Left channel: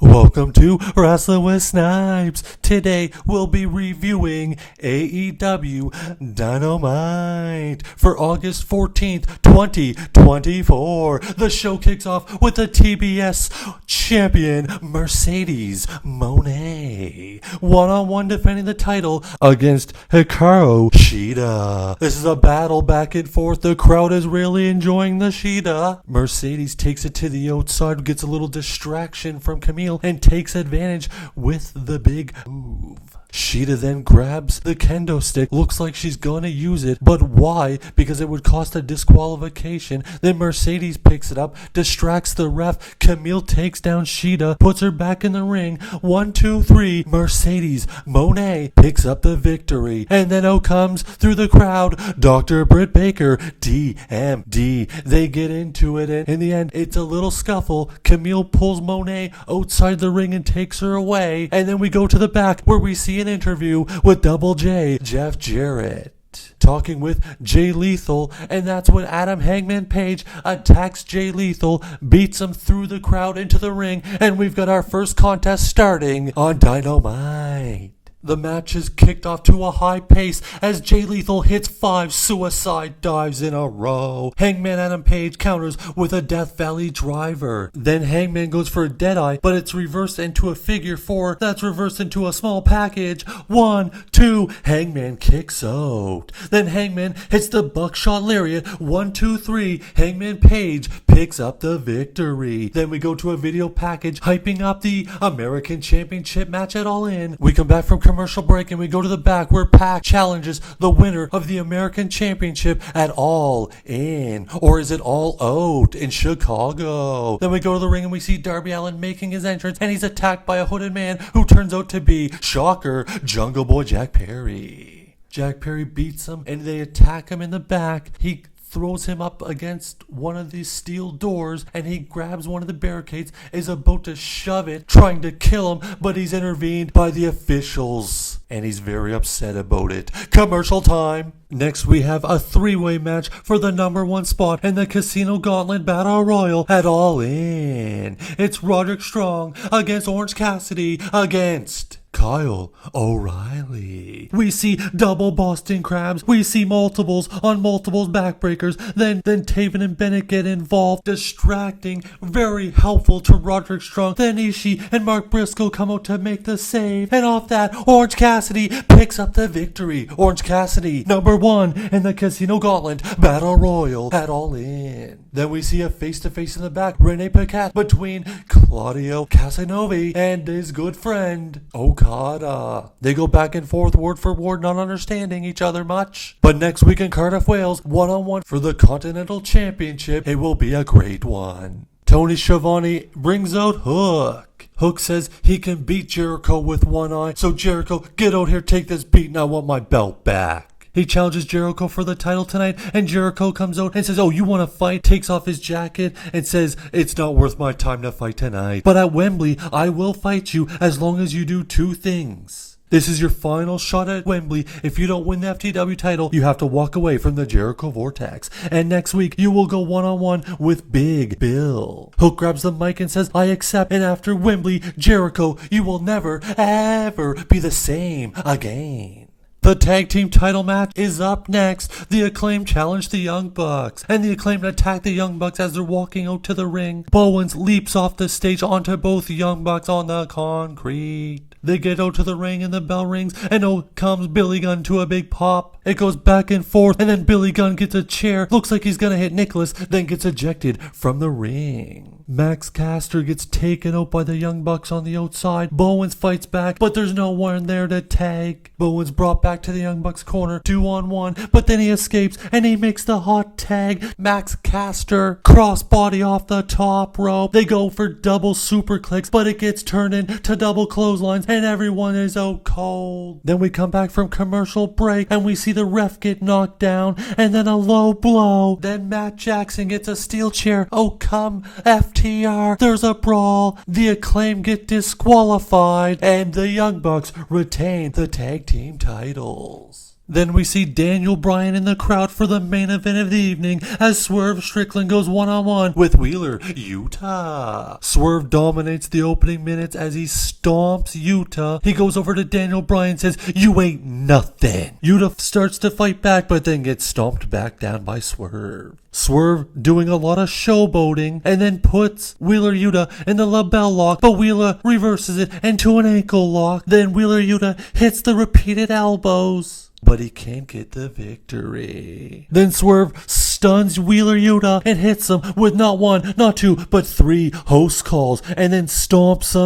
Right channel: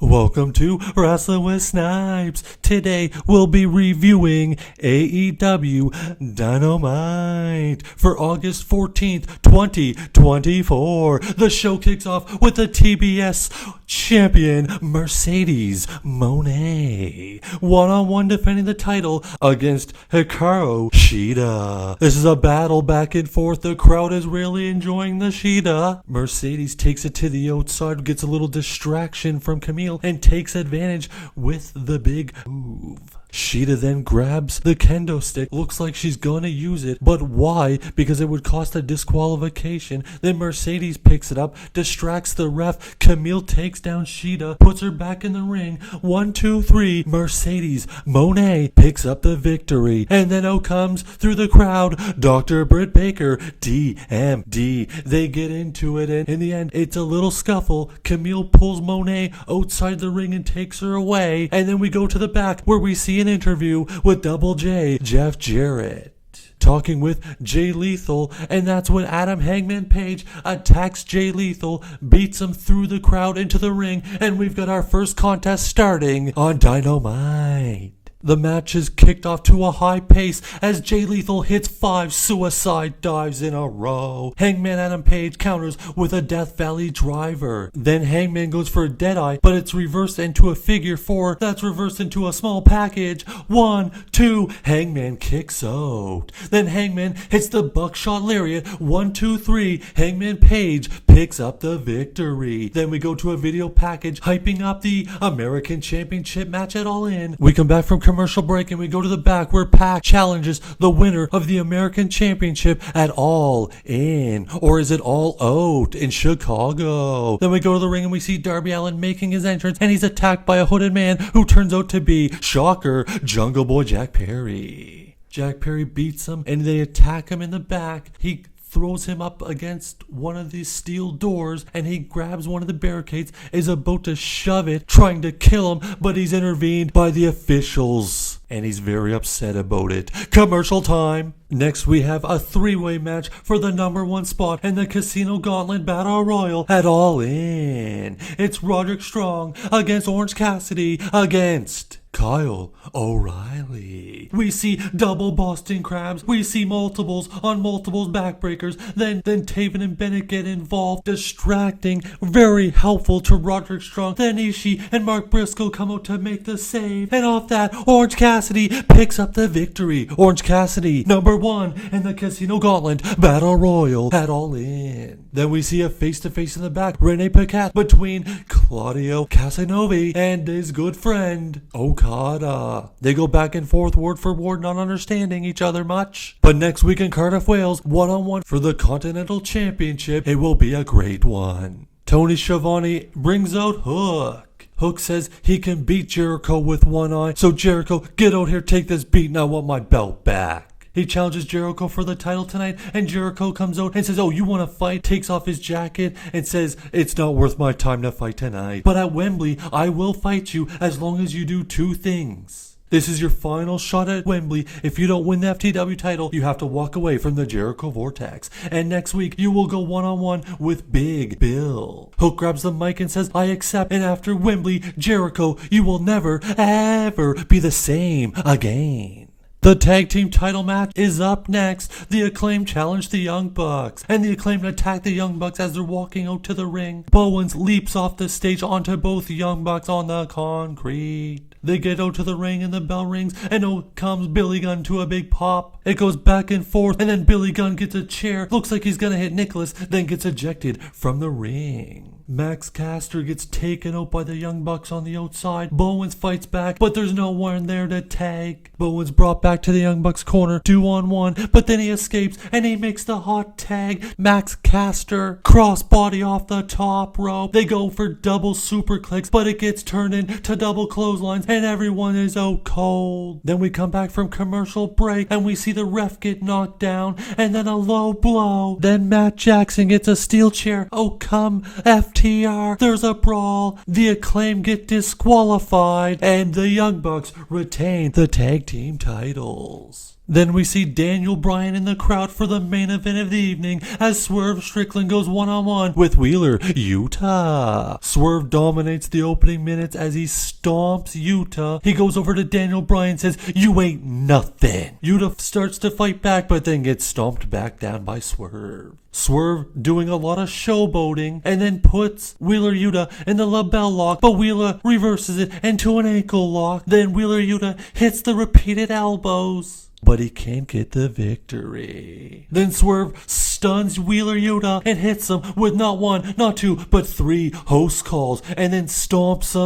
Welcome to Wrestling with Snipes. Today we'll be reviewing AEW Dynamite for August 14th, 2024. The show kicks off with the TBS champion Mercedes Monae one-on-one defending the title against Hikaru Sheta. This is a battle back and forth. The crowd is really enjoying the Sheta. Mercedes takes it to the outside, gets a little distraction from Camille and takes advantage with the big move. Sheta then grabs the kendo stick. Looks like she's gonna use it, but why? Because it would cost a disqualification. Then Mercedes picks it up, distracts the ref. Camille takes down Sheta, puts her back in the ring. 1, 2, 3. Mercedes Monae picks up the victory. And then out comes through the crowd Dr. Britt Baker, DMD. They get into it, and in the end, it's a little scuffle. Camille pulls Monae outside the ring and takes her away. And then we go to the back where we see an interview with Double J, Jeff Jarrett, talking with Jay Lethal, and that's when Adam Hangman Page attacks Jay Lethal, beats him through the crowd into the ring, and we've got our first contest starting on Dynamite. The match is kicked off to a high pace as Jay Lethal hits 5 suicide dives in a row. Hangman Adam Page counters with a Death Valley driver. Then Hangman goes for a Deadeye, but it's reversed into a figure 4 that's reversed into a small package. 1, 2, Hangman kicks out. Then Hangman hits the buckshot lariat. 1, 2, 3, Hangman Page picks up the victory. Then we go to a video package hyping up the American Championship match at All In. We come back from commercial break and we go to the back where Pac challenges the winner of the American Championship at All In, or is it All Out in Chicago? Then we go to the ring and we see Darby Allin making his entrance, and he's attacked by a hooded man who turns out to be, shocker, Jungle Boy Jack Perry. Jack Perry beats him and they attack him in the back. He throws him up against one of these steel doors, and he grabs one of the barricades, is about to shove it, trying to kill him, but he's intervened by the officials, and he's very upset about it. Commercial time. Next we have a 3-way match for the #1 spot in the Casino Gauntlet Battle Royal at All In. It's Roderick Strong against Orange Cassidy against Kyle O'Reilly. We see double Boston Crabs. We see multiples on multiples backbreakers. Then Taven and Bennett get involved, distracting, very helpful to Roderick Strong. Then Ishii and Mark Briscoe come out to make the save. And off that, Orange Cassidy picks up the victory. Orange Cassidy, #1 in the Casino Gauntlet Battle Royal at All In. Then we see a face-to-face in the back, Rene Paquette between Claudio Casanova and his good friend Okada. They go back and forth, word for word, not understanding each other much. But next week in Cardiff, Wales, one-on-one for the Continental Championship, it will be a great one. Tony Schiavone brings out Hook. Hook says he can beat Jericho with one eye, so Jericho, get out here, take this beat, and I want my belt back. He challenges Jericho for the title tonight, and Jericho comes out and says, oh, you want to fight? Takes off his jacket and says, it's not worth my time to fight tonight. But at Wembley, I will fight you as long as you do 2 things. This is your final shot at Wembley. If you don't win the FTW title, you have to walk away from the Jericho Vortex. And next week, you will go one-on-one with Big Bill. Hook grabs the mic and says, I accept. And after Wembley, Jericho, you will never, ever be the same again. The tag team title match is up next. The Acclaim challenge the Young Bucks, and the Acclaim attack the Young Bucks as they're walking out to the ring. Bowens leaps off the stage onto both the Young Bucks on the concrete. They get out to the ring and the bell rings, and out comes Billy Gunn to a big pop. It goes back and forth, and then Billy Gunn gets a chair. Looks like he's gonna hit Nicholas, then gets ejected from the ring. Max Caster gets taken out by the Young Bucks on the outside. Bowens fights back, but there's no one there to tag. Bowens brought back to the Young Bucks corner, 2-on-1, but then he escapes and he makes the hot tag. Max Caster crossbody off the top rope. They go for double super clicks, but it gets turned into double clotheslines and everyone is out cold. Then we come back from commercial break and we see the ref get knocked down and then a low blow. Then Matt Jackson gets a steel chair. Oh come FTR. There's a brawl. The Acclaim get disqualified and the Young Bucks retain the tag team titles. Then we see Daniel Bryan in the crowd for the main event of the evening as Swerve Strickland goes one-on-one with WheelerUDA. Swerve dominates the opening minutes as he stomps Yuta. He goes over to Daniel Bryan and says, "You ain't nothing." Yuta starts to fight back but then gets stomped back down by Swerve. Swerve doing a lot of showboating and then puts WheelerUDA in the label lock, but Wheeler reverses it into an ankle lock. Then WheelerUDA hits the repeated elbows, but he can't get the victory. Then Swerve stuns WheelerUDA and hits him with not one, not two, but 3 host calls, and then stomps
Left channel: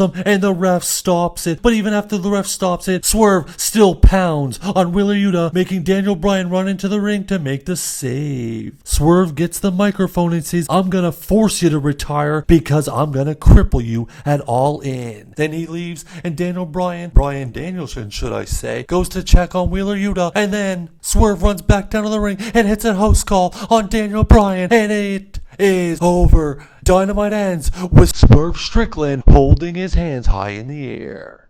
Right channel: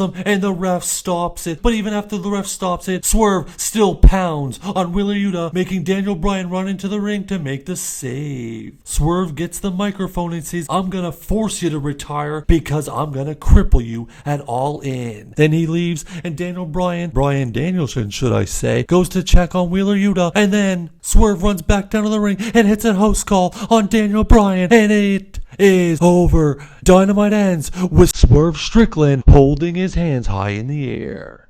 him, and the ref stops it. But even after the ref stops it, Swerve still pounds on WheelerUDA, making Daniel Bryan run into the ring to make the save. Swerve gets the microphone and says, "I'm gonna force you to retire because I'm gonna cripple you at All In." Then he leaves, and Bryan Danielson should I say, goes to check on WheelerUDA, and then Swerve runs back down to the ring and hits a host call on Daniel Bryan, and it is over. Dynamite ends with Swerve Strickland holding his hands high in the air.